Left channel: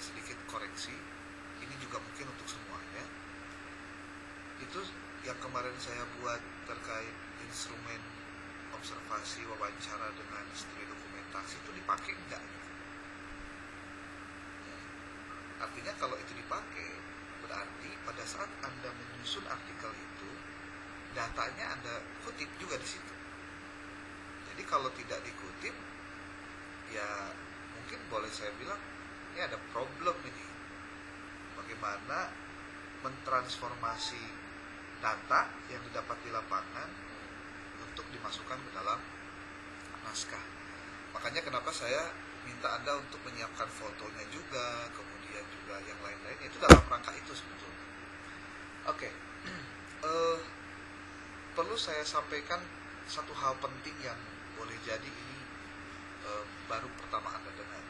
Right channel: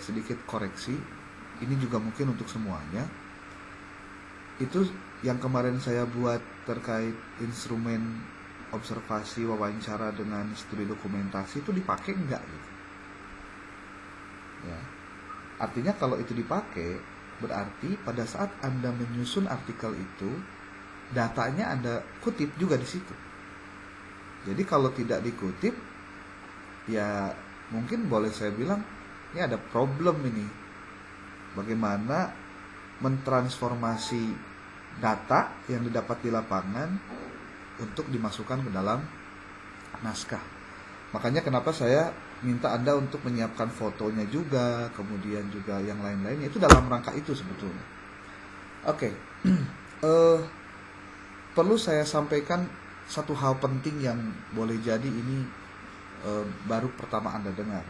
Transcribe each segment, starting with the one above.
sedikit koreksi. Ini juga mungkin untuk semuanya. Itu yang kemarin saya buat terkait instrumen observasi wawancara dengan studi dokumentasi itu dipakai enggak gitu. Ya. Artinya kalau itu dipakai, berarti pada saat Anda menyusun artikel itu, datanya Anda kutip juga di situ. Jadi kalau tidak dikutip, ya mungkin boleh saya bilang ini ada problem ini. Bagaimana mentransformasi data yang didapat di lapangan untuk dimasukkan ke dalam naskah. Makanya kenapa saya minta Anda untuk menyiapkan fotonya juga, kemudian juga yang lain-lainnya, itu dalam rangka itu sebetulnya. Oke. Perlu saya sampaikan satu hal penting yang boleh jadi ini baru pertama Anda dengar.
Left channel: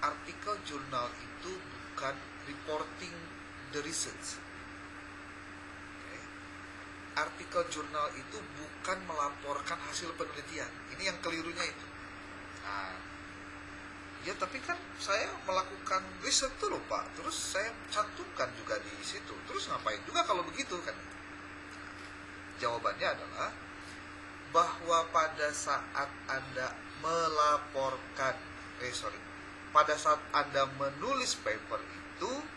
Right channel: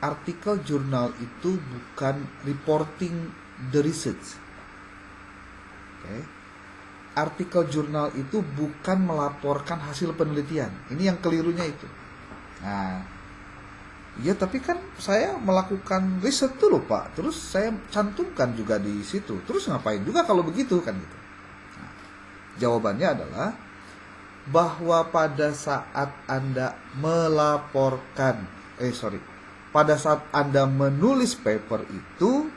Artikel jurnal itu bukan reporting the research. Okay. Artikel jurnal itu bukan melaporkan hasil penelitian. Ini yang kelirunya itu. Nah, ya tapi kan saya melakukan riset dulu Pak, terus saya cantumkan juga di situ. Terus ngapain juga kalau begitu kan gitu. Nah, jawabannya adalah bahwa pada saat Anda pada saat Anda menulis paper itu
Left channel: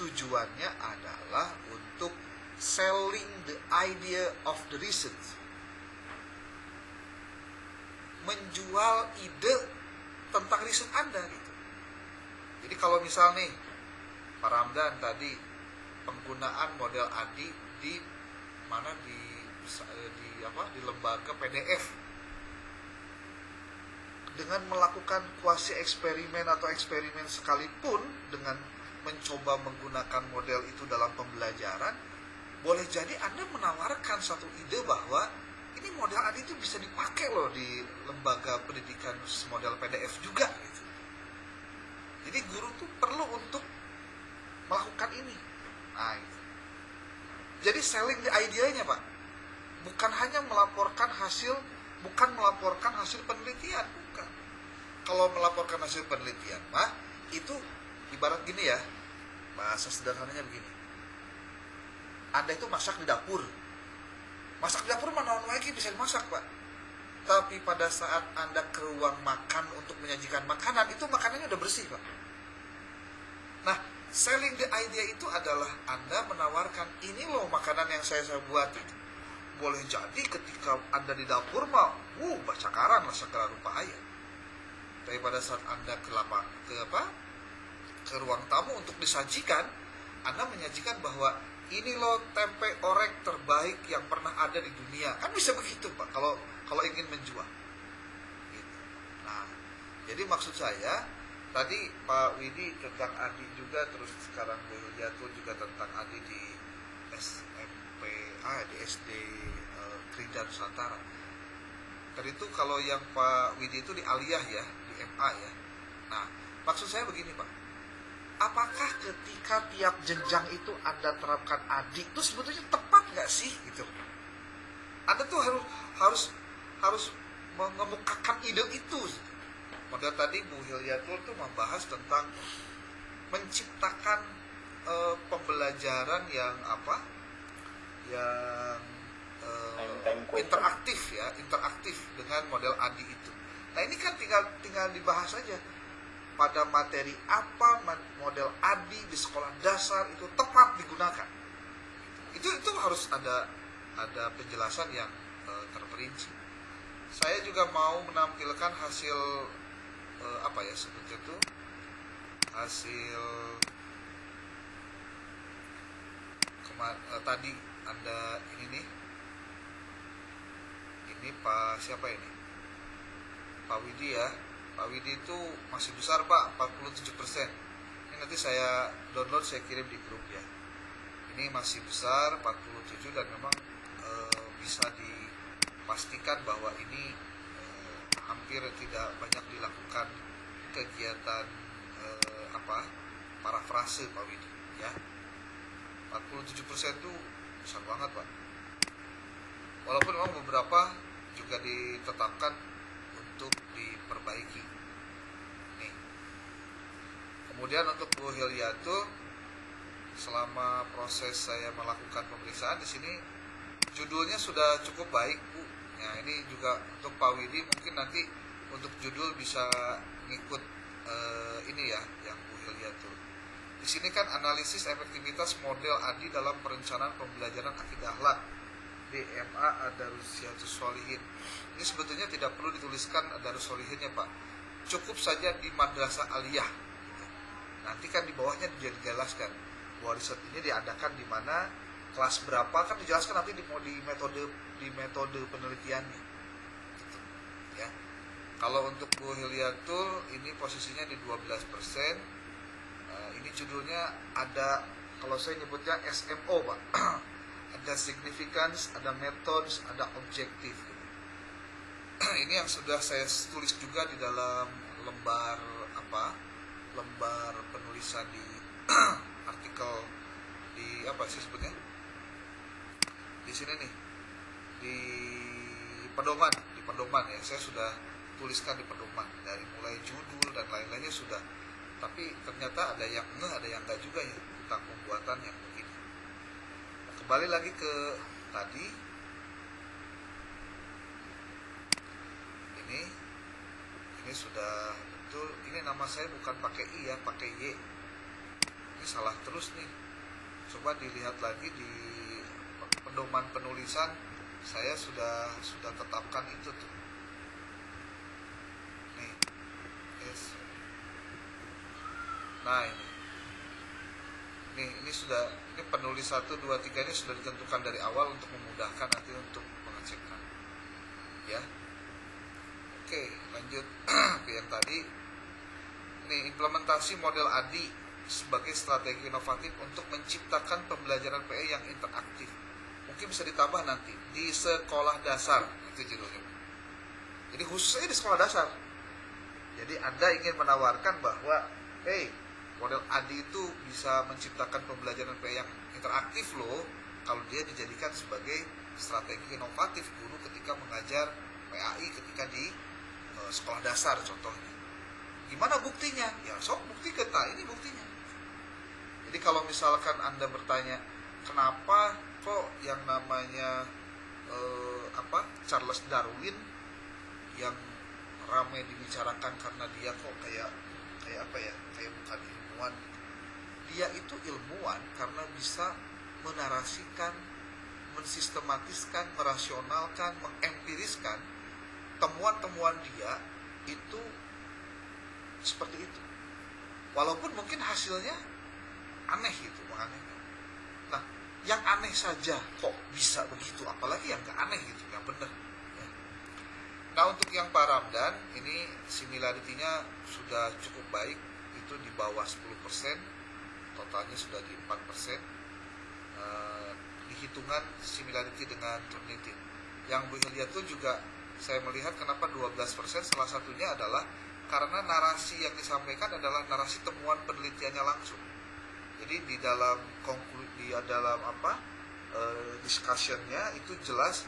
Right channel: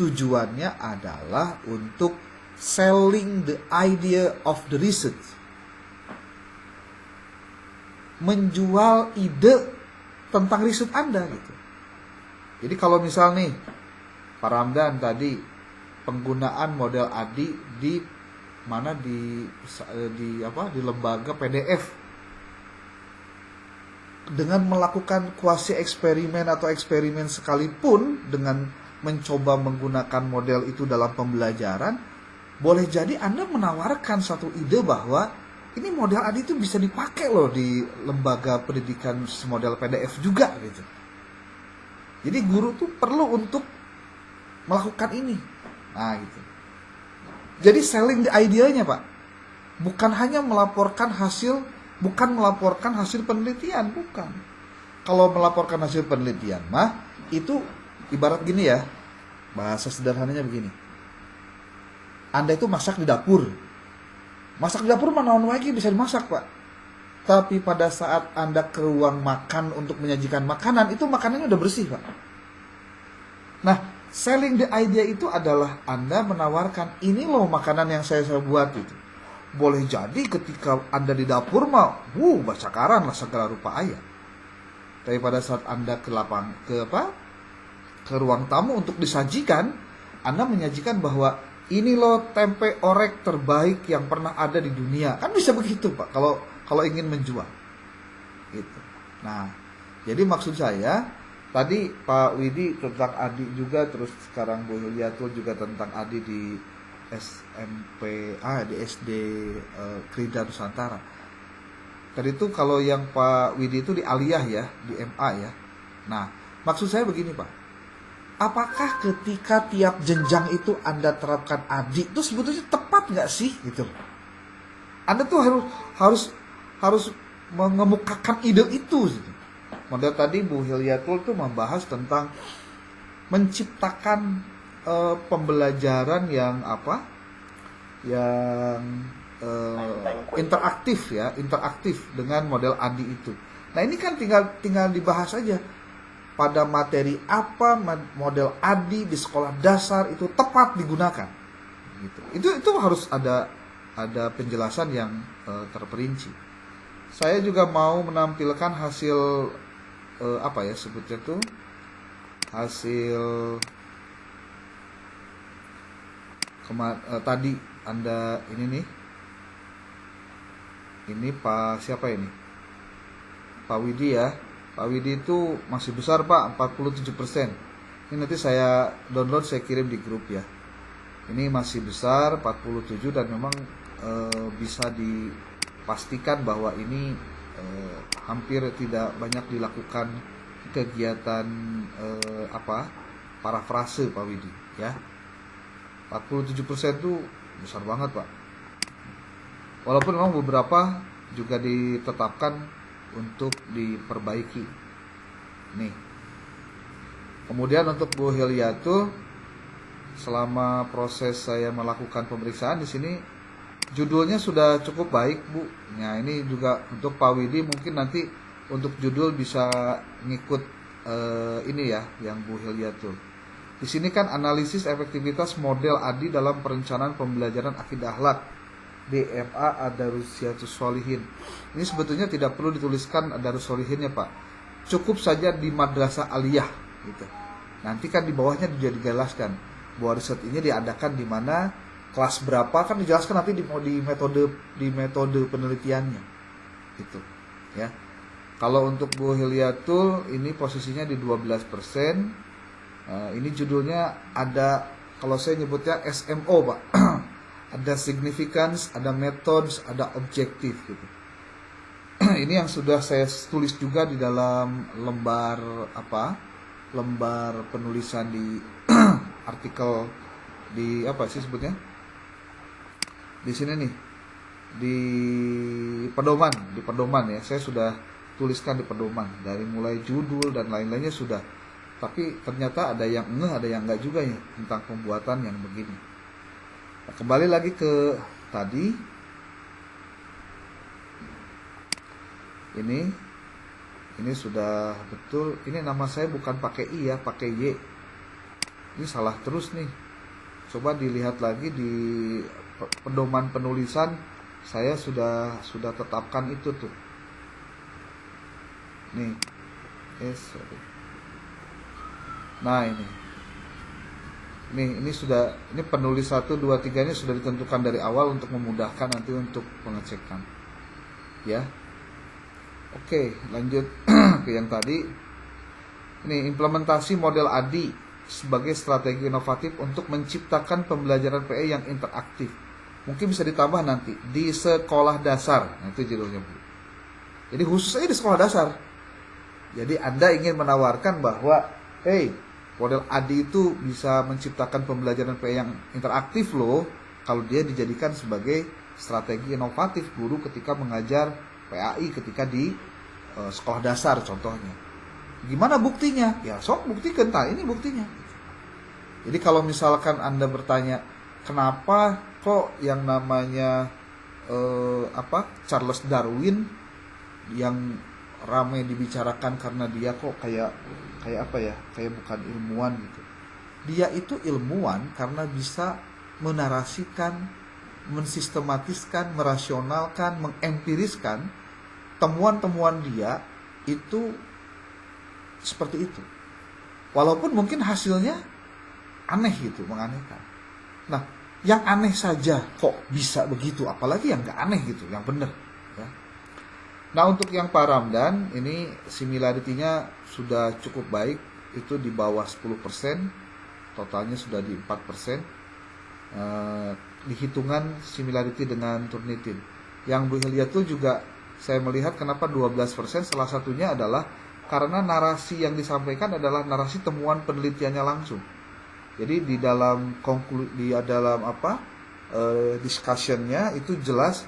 tujuannya adalah untuk selling the idea of the research. Menjual ide tentang riset Anda gitu. Jadi kalau misal nih Pak Ramdan tadi penggunaan model ADI di mana di lembaga PDF dengan melakukan kuasi eksperimen atau eksperimen sekalipun dengan mencoba menggunakan model itu dalam pembelajaran, boleh jadi Anda menawarkan satu ide bahwa ini model ADI itu bisa dipakai loh di lembaga pendidikan model PDF juga gitu. Jadi guru tuh perlu untuk melakukan ini. Nah gitu. Jadi selling the idea-nya Pak. Bukan hanya melaporkan hasil penelitian, bukan. Kalau melaporkan hasil penelitian mah itu ibarat gini ya. Bahasa sederhananya begini. Anda itu masak di dapur. Masak di dapur mana lagi bisa dimasak Pak. Tapi pada saat Anda ke ruang makan untuk menyajikan makanan, itu makanannya udah bersih Pak. Nah, selling the idea itu adalah Anda menawarkan ini loh makanan yang saya buat itu. Boleh jadi ketika Anda di dapur mah, bacakaran lah segala rupa ayat. Tapi pada saat Anda ke ruang tamu untuk disajikan, Anda menyajikan bahwa ini loh tempe orek terbaik yang pernah ada di dunia. Kan bisa begitu Pak kalau ingin menjual. Gitu. Nah, jadi maksud saya tadi Pak Widi tentang ADI juga, terus sekarang Bu Yuliatul juga tentang ADI di di SD Krida Nusantara. Tadi itu kalau yang Pak Widi itu di Aliyah ya, di MA ya. Nah, maksud saya begini Pak. Apakah ketika tiap jenjang itu Anda terapkan ADI itu sebetulnya tepat nggak sih gitu? Anda tuh harus mengemukakan ide itu. Gitu. Model tadi Bu Hilyatul tuh membahas tentang menciptakan pembelajaran yang interaktif dengan model ADI itu. Nah ini kan tinggal dibahas aja pada materi apa model ADI di sekolah dasar itu tepat digunakan. Gitu. Itu harus ada penjelasan yang terperinci. Saya juga mau menampilkan hasil sebutnya tuh hasil tadi Anda ini Pak siapa ini? Pak Widi ya. Pak Widi itu masih besar Pak, 47%. Ini nanti saya download, saya kirim di grup ya. Ini masih besar 47 dan memang bisa dipastikan bahwa ini hampir tidak banyak dilakukan kegiatan parafrase Pak Widi ya. 47% itu besar banget Pak. Walaupun memang beberapa juga ditetapkan untuk diperbaiki. Nih, Kemudian untuk Bu Hilyatul, selama proses saya melakukan pemeriksaan di sini judulnya sudah cukup baik, Bu. Nah, ini juga untuk Pak Widi mungkin nanti untuk judul bisa ngikut ini ya, yang Bu Hilyatul. Di sini kan analisis efektivitas model ADI dalam perencanaan pembelajaran akidah akhlak DFA Adarusiatus Solihin. Ini sebetulnya tidak perlu dituliskan Adarus Solihinnya, Pak. Cukup saja di Madrasah Aliyah gitu. Nanti kan di bawahnya juga dijelaskan bahwa riset ini diadakan di mana, kelas berapa, kan dijelaskan nanti di metode penelitiannya gitu ya. Kalau untuk Bu Hilyatul ini posisinya di 12%. Ini judulnya ada, kalau saya nyebutnya SMO, Pak. Ada significance, ada methods, ada objektif gitu. Ini yang sudah saya tulis juga di dalam lembar penulisan di artikel di apa sih sebutnya? Di sini nih. Di pedoman ya. Saya sudah tuliskan di pedoman dari mulai judul dan lain-lainnya sudah. Tapi ternyata ada yang ada yang enggak juga ya tentang pembuatan yang begini. Nah, kembali lagi ke tadi. Ini sudah betul. Ini nama saya bukan pakai I ya, pakai Y. Ini salah terus nih. Coba dilihat lagi di pedoman penulisan, saya sudah tetapkan itu tuh. Nih. Nah, ini sudah, ini penulis 1 2 3 ini sudah ditentukan dari awal untuk memudahkan nanti untuk pengecekan. Ya. Oke, lanjut ke yang tadi. Ini implementasi model ADI sebagai strategi inovatif untuk menciptakan pembelajaran PE yang interaktif. Mungkin bisa ditambah nanti di sekolah dasar. Itu judulnya. Jadi khusus aja di sekolah dasar. Jadi Anda ingin menawarkan bahwa model ADI itu bisa menciptakan pembelajaran PE yang interaktif loh, kalau dia dijadikan sebagai strategi inovatif guru ketika mengajar PAI ketika di sekolah dasar contohnya. Gimana buktinya? Ya sok buktikan, ini buktinya. Jadi kalau misalkan Anda bertanya, kenapa kok yang namanya Charles Darwin yang ramai dibicarakan karena dia kok kayak bukan ilmuwan gitu. Dia itu ilmuwan karena bisa menarasikan, mensistematiskan, merasionalkan, mengempiriskan temuan-temuan dia itu seperti itu. Walaupun mungkin hasilnya aneh gitu, menganehkan. Nah, yang aneh saja kok bisa begitu, apalagi yang gak aneh gitu, yang benar. Ya. Nah, untuk yang Pak Ramdan, ini similarity-nya sudah cukup baik, itu di bawah 10%, totalnya sudah di 4%. Dihitungan similarity dengan Turnitin. Yang Bu Hilyatul juga saya melihat kenapa 12%, salah satunya adalah karena narasi yang disampaikan adalah narasi temuan penelitiannya langsung. Jadi di dalam discussion-nya itu jelas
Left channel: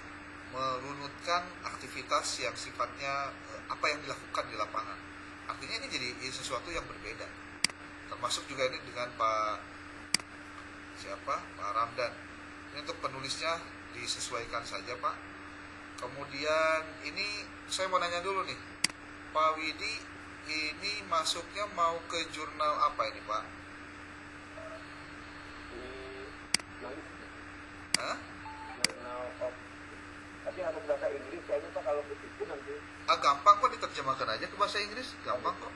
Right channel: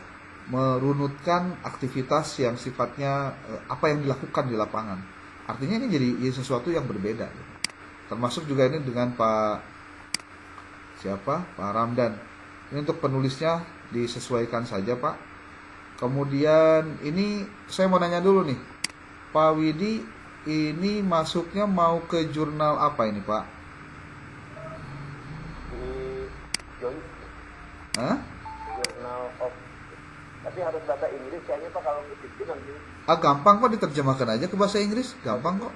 merunutkan aktivitas yang sifatnya apa yang dilakukan di lapangan. Artinya ini jadi sesuatu yang berbeda. Termasuk juga ini dengan Pak Ramdan. Ini untuk penulisnya disesuaikan saja, Pak. Kemudian ini saya mau nanya dulu nih, Pak Widi, ini masuknya mau ke jurnal apa ini, Pak? Hah? Jurnal of, tapi harus bahasa Inggris kayaknya Pak, kalau begitu nanti. Gampang kok, diterjemahkan aja ke bahasa Inggris, gampang kok.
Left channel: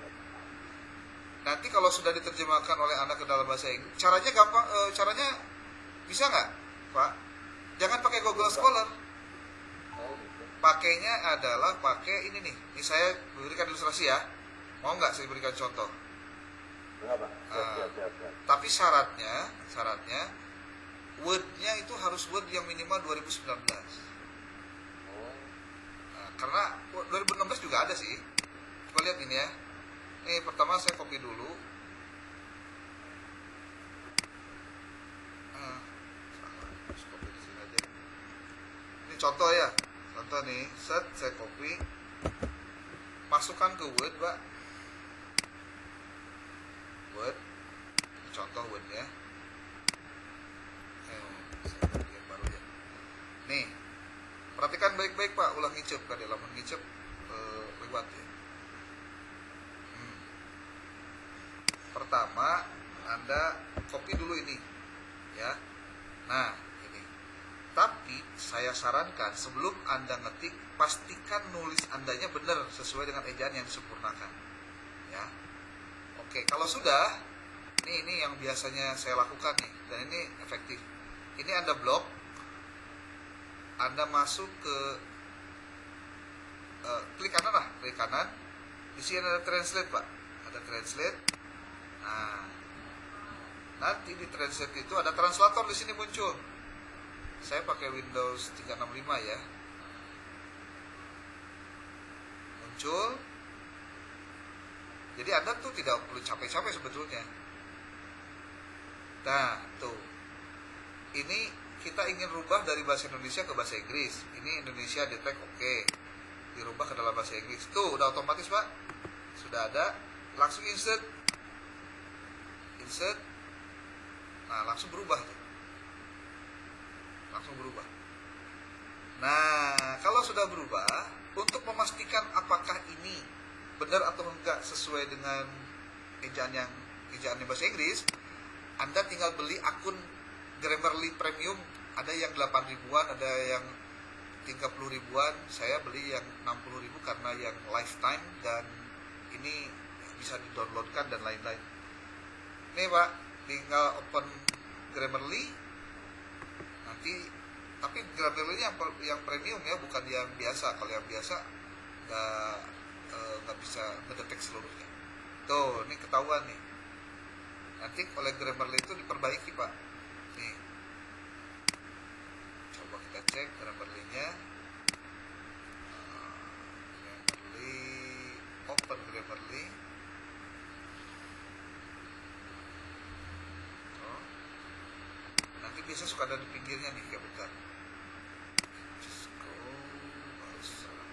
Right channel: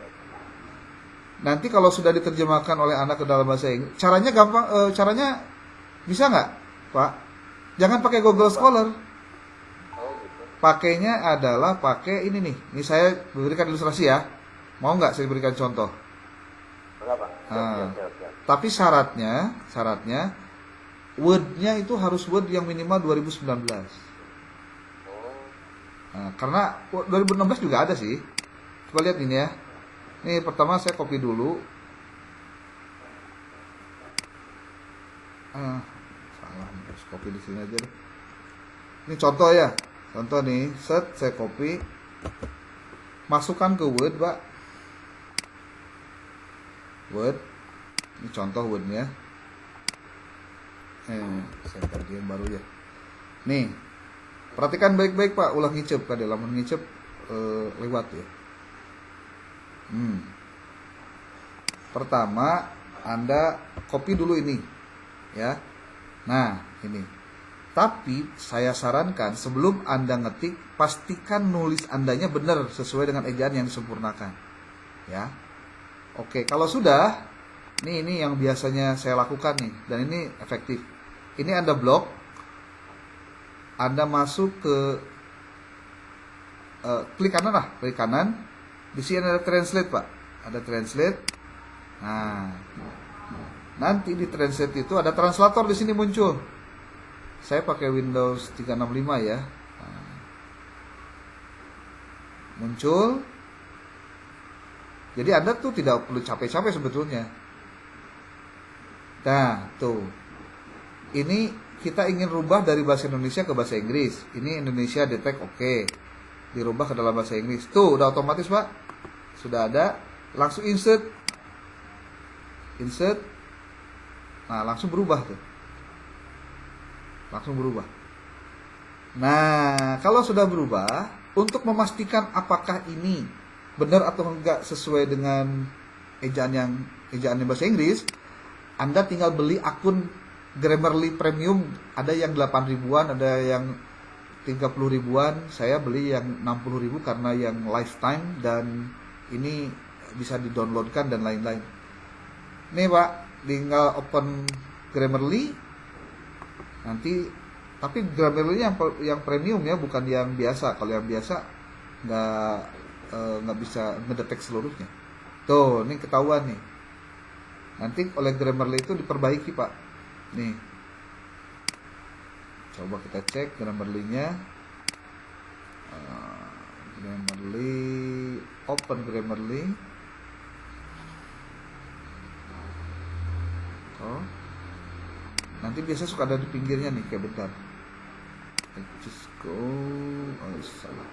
Nanti kalau sudah diterjemahkan oleh anak ke dalam bahasa Inggris, caranya gampang, caranya bisa nggak, Pak? Jangan pakai Google Scholar. Pakainya adalah pakai ini nih. Ini saya berikan ilustrasi ya. Mau nggak saya berikan contoh? Berapa? Tapi syaratnya Word-nya itu harus Word yang minimal 2019. Nah, karena 2016 juga ada sih. Coba lihat ini ya. Ini pertama saya copy dulu. Salah, harus copy di sini aja deh. Ini contoh ya. Contoh nih, saya copy. Masukkan ke Word, Pak. Word. Ini contoh Wordnya. Saya tadi yang baru ya. Nih, perhatikan baik-baik Pak, ulah ngicep kada lamun ngicep lewat ya. Pertama, Anda copy dulu ini ya. Nah, ini. Tapi saya sarankan sebelum Anda ngetik, pastikan nulis Andanya benar sesuai dengan ejaan yang disempurnakan. Ya. Oke, kalau sudah, ini yang biasanya saya lakukan nih dan ini efektif. Ini Anda blok, Anda masuk ke klik kanan lah, klik kanan. Di sini ada translate Pak, ada translate. Nah, nanti di translate itu ada translator di sini muncul. Saya pakai Windows 365 ya. Muncul. Jadi Anda tuh tidak perlu capek-capek sebetulnya. Nah, tuh. Ini kita ingin rubah dari bahasa Indonesia ke bahasa Inggris. Ini Indonesia detect oke. Dirubah ke dalam bahasa Inggris. Tuh, udah otomatis, Pak. Sudah ada. Langsung insert. Insert. Nah, langsung berubah tuh. Langsung berubah. Nah, kalau sudah berubah, untuk memastikan apakah ini benar atau enggak sesuai dengan ejaan bahasa Inggris, Anda tinggal beli akun Grammarly Premium. Ada yang 8 ribuan, ada yang 30 ribuan. Saya beli yang 60 ribu karena yang lifetime dan ini bisa di-downloadkan dan lain-lain. Nih Pak, tinggal open Grammarly. Nanti, tapi Grammarly yang premium ya, bukan yang biasa. Kalau yang biasa nggak bisa ngedetek seluruhnya. Tuh, ini ketahuan nih. Nanti oleh Grammarly itu diperbaiki Pak. Nih, coba kita cek Grammarly-nya. Grammarly, open Grammarly. Oh, nanti biasa suka ada di pinggirnya nih, kayak bentar. Just go. Oh, salah.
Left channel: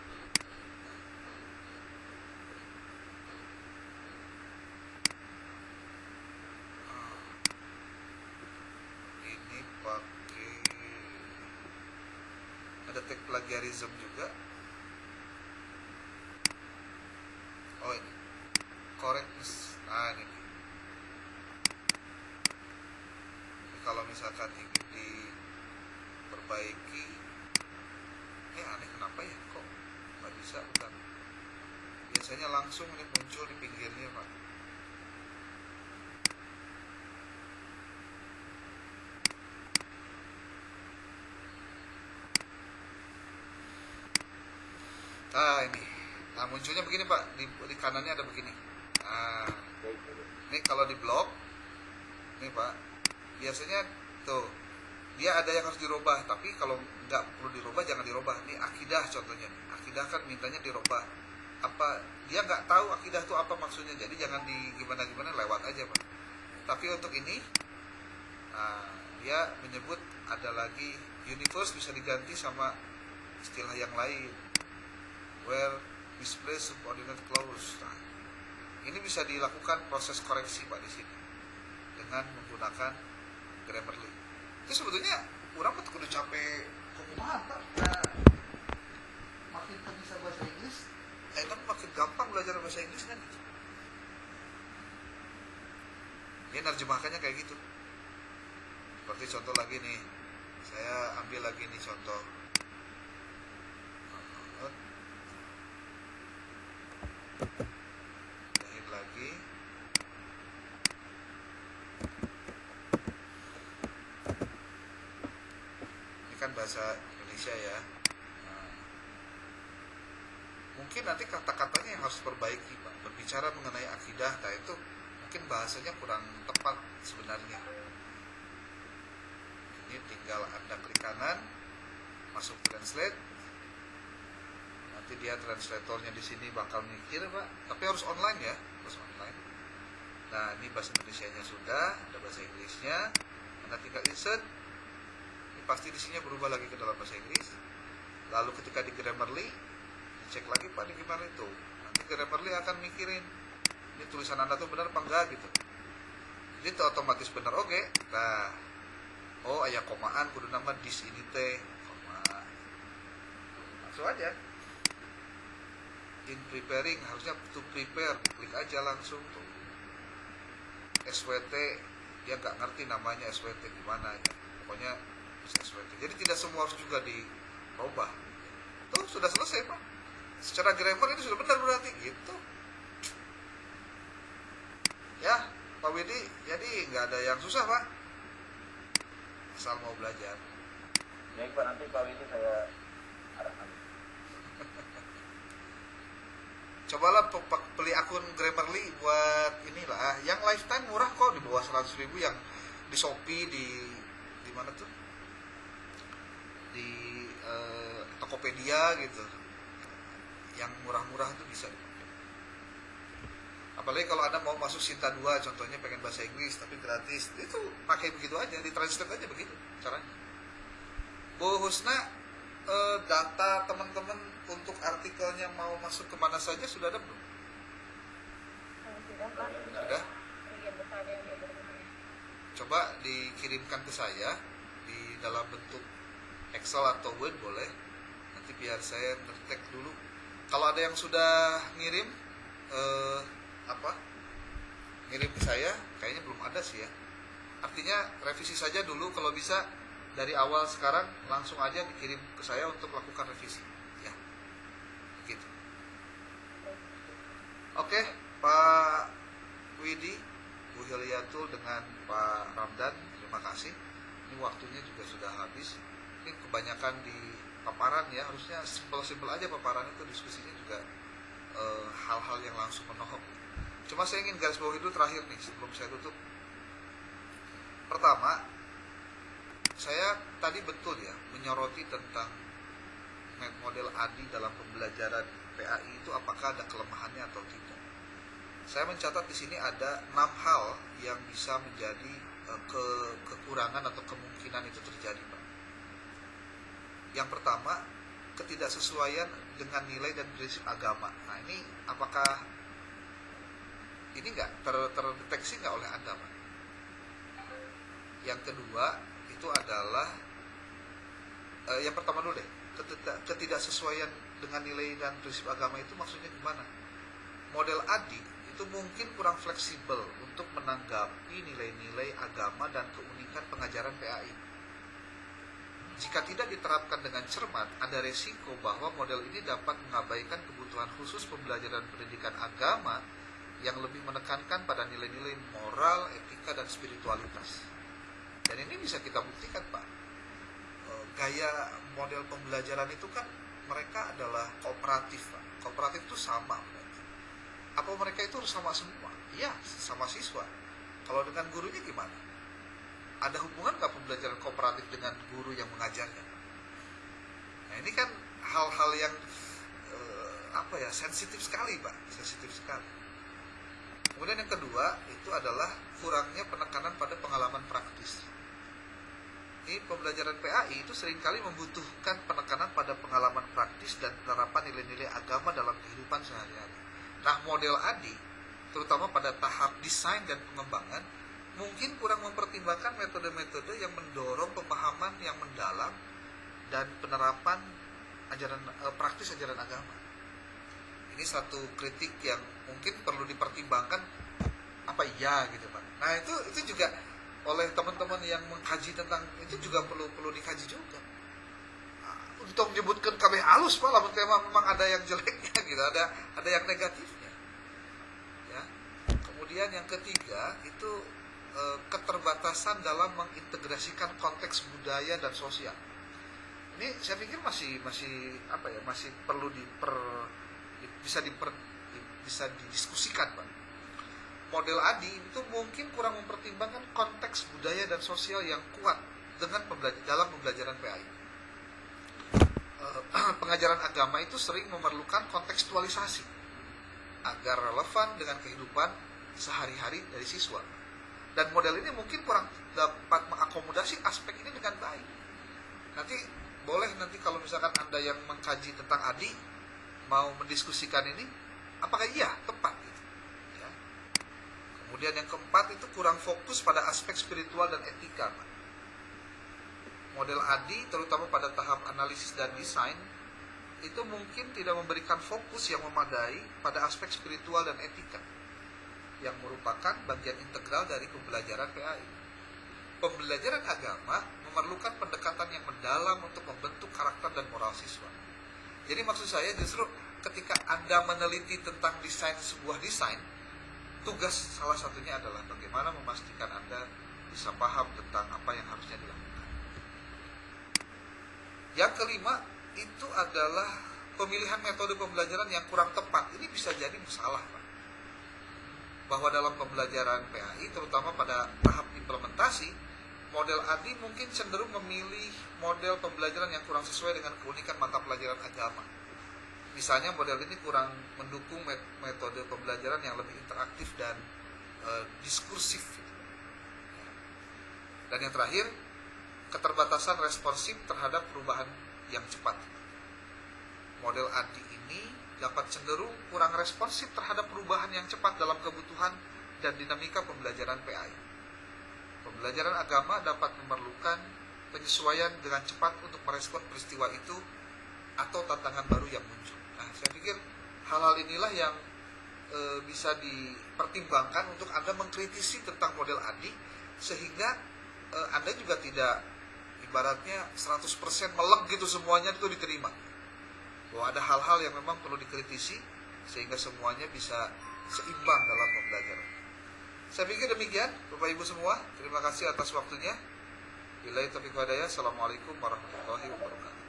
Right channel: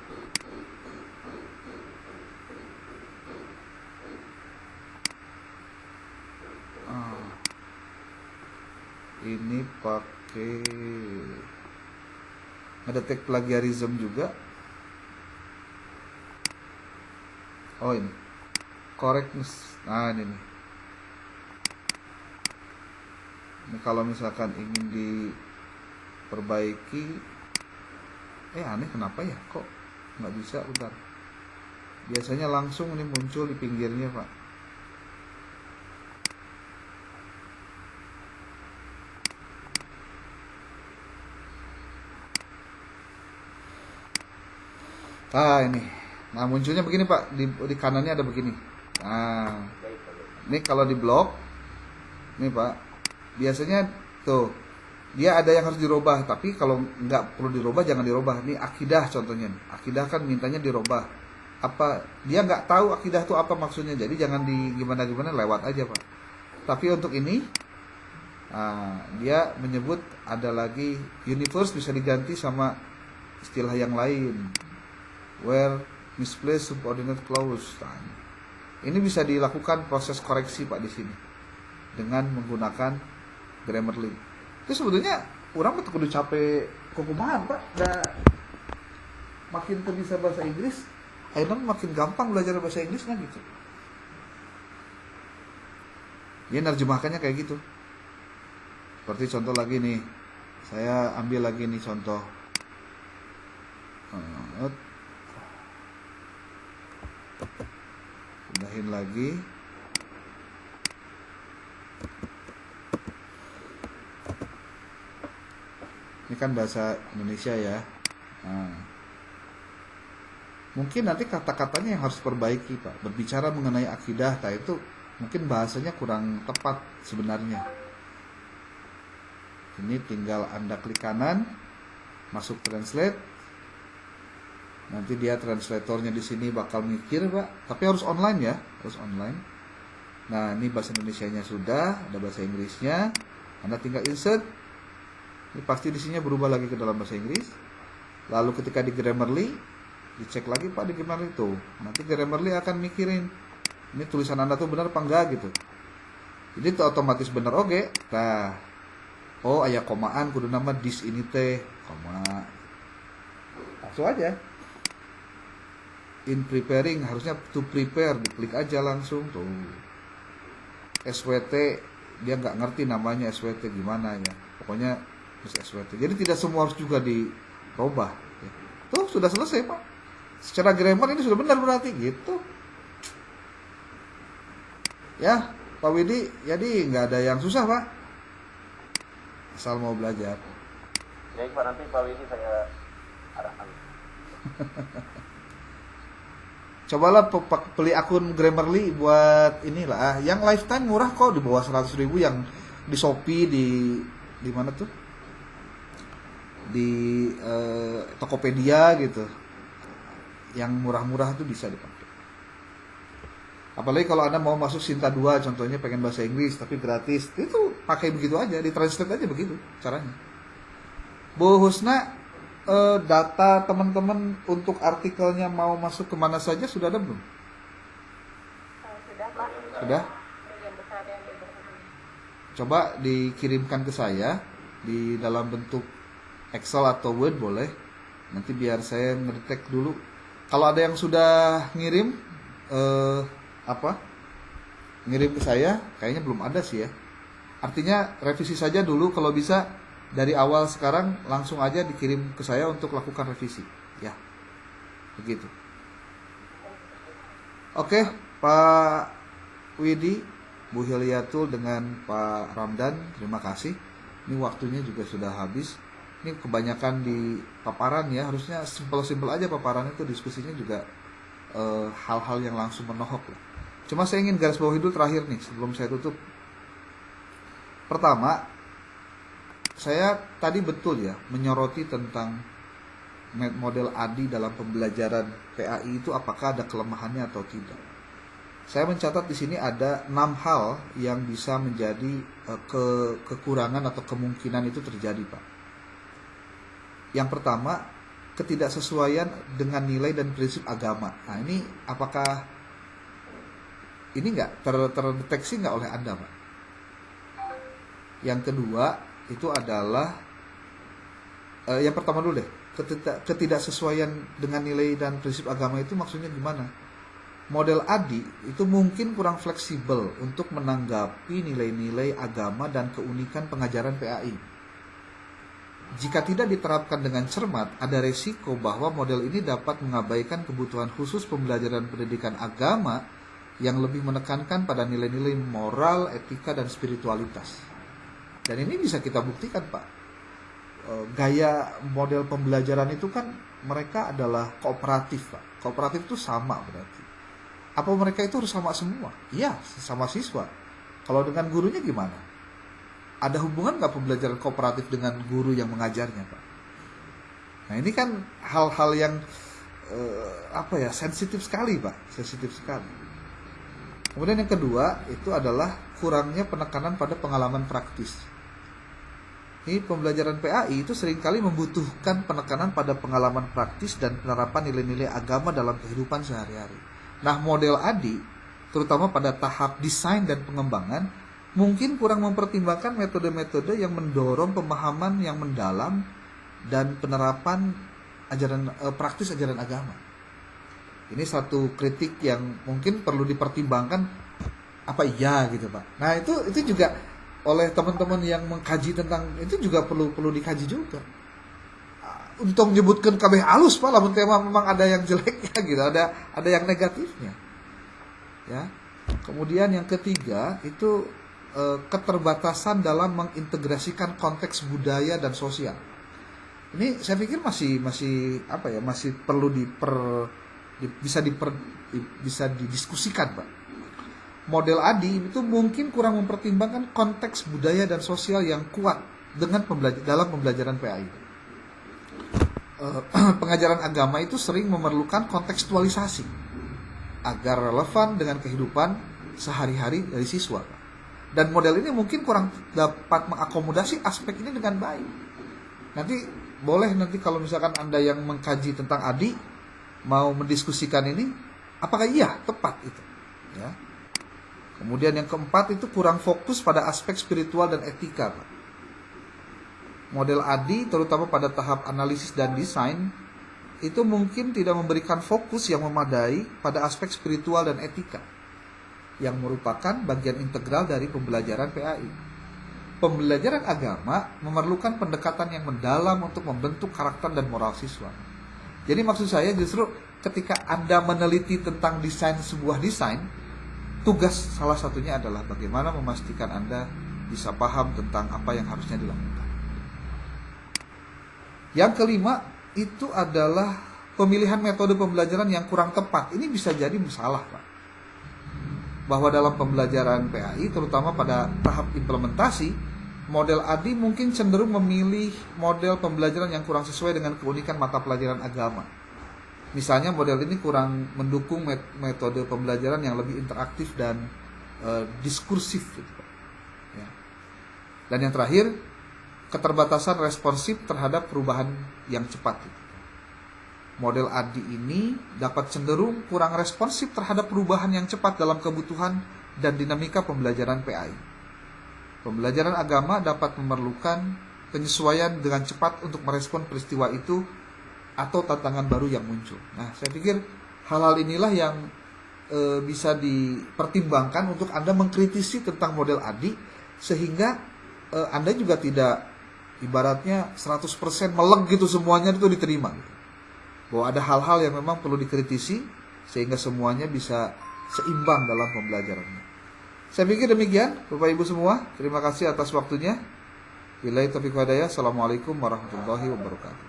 Ini pakai ngedetek plagiarism juga. Oh, ini correctness. Nah, ini nih. Ini kalau misalkan ingin diperbaiki, aneh kenapa ya, kok nggak bisa. Bentar, biasanya langsung ini muncul di pinggirnya Pak. Nah, ini, nah munculnya begini Pak, di kanannya ada begini. Nah, ini kalau di blok, ini Pak, biasanya tuh dia ada yang harus dirubah, tapi kalau nggak perlu dirubah jangan dirubah. Ini akidah contohnya, akidah kan mintanya dirubah. Apa dia nggak tahu akidah itu apa maksudnya, jadi jangan di gimana lewat aja Pak. Tapi untuk ini, dia menyebut ada lagi universe bisa diganti sama istilah yang lain. Where misplaced subordinate clause. Nah, ini bisa dilakukan proses koreksi Pak di sini dengan menggunakan Grammarly. Itu sebetulnya orang betul kudu capek kumaha Pak. Makin bisa bahasa Inggris, akhirnya makin gampang belajar bahasa Inggris kan gitu. Dia nerjemahkannya kayak gitu. Seperti contoh lagi nih. Saya ambil lagi nih contoh. Pindahin lagi. Ini kan bahasa Indonesia ya. Mungkin nanti kata-katanya yang harus perbaiki Pak. Berbicara mengenai akidah, itu mungkin bahasanya kurang tepat sebenarnya. Ini tinggal Anda klik kanan, masuk translate. Nanti dia translatornya di sini bakal mikir Pak, tapi harus online ya, harus online. Nah, ini bahasa Indonesianya sudah, ada bahasa Inggrisnya. Anda tinggal insert. Ini pasti di sini berubah lagi ke dalam bahasa Inggris. Lalu ketika di Grammarly, dicek lagi Pak di Grammarly itu. Nanti Grammarly akan mikirin, ini tulisan Anda tuh benar apa enggak gitu. Jadi itu otomatis bener oke. Nah, oh aya komaan kudu nama dis ini teh koma. Langsung aja. In preparing harusnya to prepare, diklik aja langsung tuh. SWT dia nggak ngerti namanya SWT gimana ya. Pokoknya SWT. Jadi tidak semua harus juga dirubah. Tuh sudah selesai Pak. Secara grammar ini sudah benar berarti gitu. Ya Pak Widi, jadi nggak ada yang susah Pak. Asal mau belajar. Baik Pak, nanti Pak Widi saya arahkan. Cobalah beli akun Grammarly buat inilah. Yang lifetime murah kok, di bawah 100.000 yang di Shopee, di mana tuh? Di Tokopedia gitu. Yang murah-murah tuh bisa dipakai. Apalagi kalau Anda mau masuk Sinta 2 contohnya pengen bahasa Inggris tapi gratis, itu pakai begitu aja, ditranslate aja begitu caranya. Bu Husna, data teman-teman untuk artikelnya mau masuk kemana saja sudah ada belum? Sudah Pak. Sudah? Coba dikirimkan ke saya di dalam bentuk Excel atau Word boleh. Nanti biar saya ngedetek dulu. Kalau ada yang sudah ngirim ngirim ke saya, kayaknya belum ada sih ya. Artinya revisi saja dulu kalau bisa. Dari awal sekarang langsung aja dikirim ke saya untuk lakukan revisi. Ya, begitu. Oke, Pak Widi, Bu Hilyatul dengan Pak Ramdan, terima kasih. Ini waktunya juga sudah habis. Ini kebanyakan di paparan ya, harusnya simpel-simpel aja paparan itu, diskusinya juga hal-hal yang langsung menohok. Cuma saya ingin garis bawahi dulu terakhir nih sebelum saya tutup. Pertama, saya tadi betul ya menyoroti tentang model ADI dalam pembelajaran PAI itu apakah ada kelemahannya atau tidak. Saya mencatat di sini ada 6 hal yang bisa menjadi kekurangan atau kemungkinan itu terjadi, Pak. Yang pertama, ketidaksesuaian dengan nilai dan prinsip agama. Nah, ini apakah ini nggak terdeteksi nggak oleh Anda, Pak? Yang kedua itu adalah yang pertama dulu deh, ketidaksesuaian dengan nilai dan prinsip agama itu maksudnya gimana? Model ADI itu mungkin kurang fleksibel untuk menanggapi nilai-nilai agama dan keunikan pengajaran PAI. Jika tidak diterapkan dengan cermat, ada resiko bahwa model ini dapat mengabaikan kebutuhan khusus pembelajaran pendidikan agama yang lebih menekankan pada nilai-nilai moral, etika, dan spiritualitas. Dan ini bisa kita buktikan, Pak. Gaya model pembelajaran itu kan mereka adalah kooperatif, Pak. Kooperatif itu sama berarti. Apa mereka itu harus sama semua? Iya, sesama siswa. Kalau dengan gurunya gimana? Ada hubungan nggak pembelajaran kooperatif dengan guru yang mengajarnya, Pak? Nah, ini kan hal-hal yang sensitif sekali, Pak. Sensitif sekali. Kemudian yang kedua itu adalah kurangnya penekanan pada pengalaman praktis. Ini pembelajaran PAI itu seringkali membutuhkan penekanan pada pengalaman praktis dan penerapan nilai-nilai agama dalam kehidupan sehari-hari. Nah, model ADI, terutama pada tahap desain dan pengembangan, mungkin kurang mempertimbangkan metode-metode yang mendorong pemahaman yang mendalam dan penerapan praktis ajaran agama. Ini satu kritik yang mungkin perlu dipertimbangkan apa iya gitu, Pak. Nah, itu juga oleh teman-teman yang mengkaji tentang itu juga perlu dikaji juga. Untuk menyebutkan kabeh halus, Pak, lamun tema memang ada yang jeleknya gitu, ada yang negatifnya. Ya. Kemudian yang ketiga itu keterbatasan dalam mengintegrasikan konteks budaya dan sosial. Ini saya pikir masih perlu bisa didiskusikan, Pak. Model ADI itu mungkin kurang mempertimbangkan konteks budaya dan sosial yang kuat dalam pembelajaran PAI. Pengajaran agama itu sering memerlukan kontekstualisasi agar relevan dengan kehidupan sehari-hari dari siswa. Dan model ini mungkin kurang dapat mengakomodasi aspek ini dengan baik. Nanti kalau misalkan Anda yang mengkaji tentang ADI mau mendiskusikan ini, apakah iya tepat itu? Ya. Kemudian yang keempat itu kurang fokus pada aspek spiritual dan etika, Pak. Model ADI terutama pada tahap analisis dan desain itu mungkin tidak memberikan fokus yang memadai pada aspek spiritual dan etika yang merupakan bagian integral dari pembelajaran PAI. Pembelajaran agama memerlukan pendekatan yang mendalam untuk membentuk karakter dan moral siswa. Jadi maksud saya justru ketika Anda meneliti tentang desain sebuah desain, tugas salah satunya adalah bagaimana memastikan Anda bisa paham tentang apa yang harusnya dilakukan. Yang kelima itu adalah pemilihan metode pembelajaran yang kurang tepat. Ini bisa jadi masalah, Pak. Bahwa dalam pembelajaran PAI, terutama pada tahap implementasi, model ADI mungkin cenderung memilih model pembelajaran yang kurang sesuai dengan keunikan mata pelajaran agama. Misalnya model ini kurang mendukung metode pembelajaran yang lebih interaktif dan diskursif. Dan yang terakhir, keterbatasan responsif terhadap perubahan yang cepat. Model ADI ini dapat cenderung kurang responsif terhadap perubahan yang cepat dalam kebutuhan dan dinamika pembelajaran PAI. Pembelajaran agama dapat memerlukan penyesuaian dengan cepat untuk merespon peristiwa itu atau tantangan baru yang muncul. Nah, saya pikir hal-hal inilah yang bisa dipertimbangkan untuk Anda mengkritisi tentang model ADI, sehingga Anda juga tidak ibaratnya 100% meleng gitu semuanya itu diterima. Bahwa ada hal-hal yang memang perlu dikritisi sehingga semuanya bisa seimbang dalam pembelajarannya. Saya pikir demikian, Bapak Ibu semua. Terima kasih atas waktunya. Billahi taufiq wal hidayah. Assalamualaikum warahmatullahi wabarakatuh.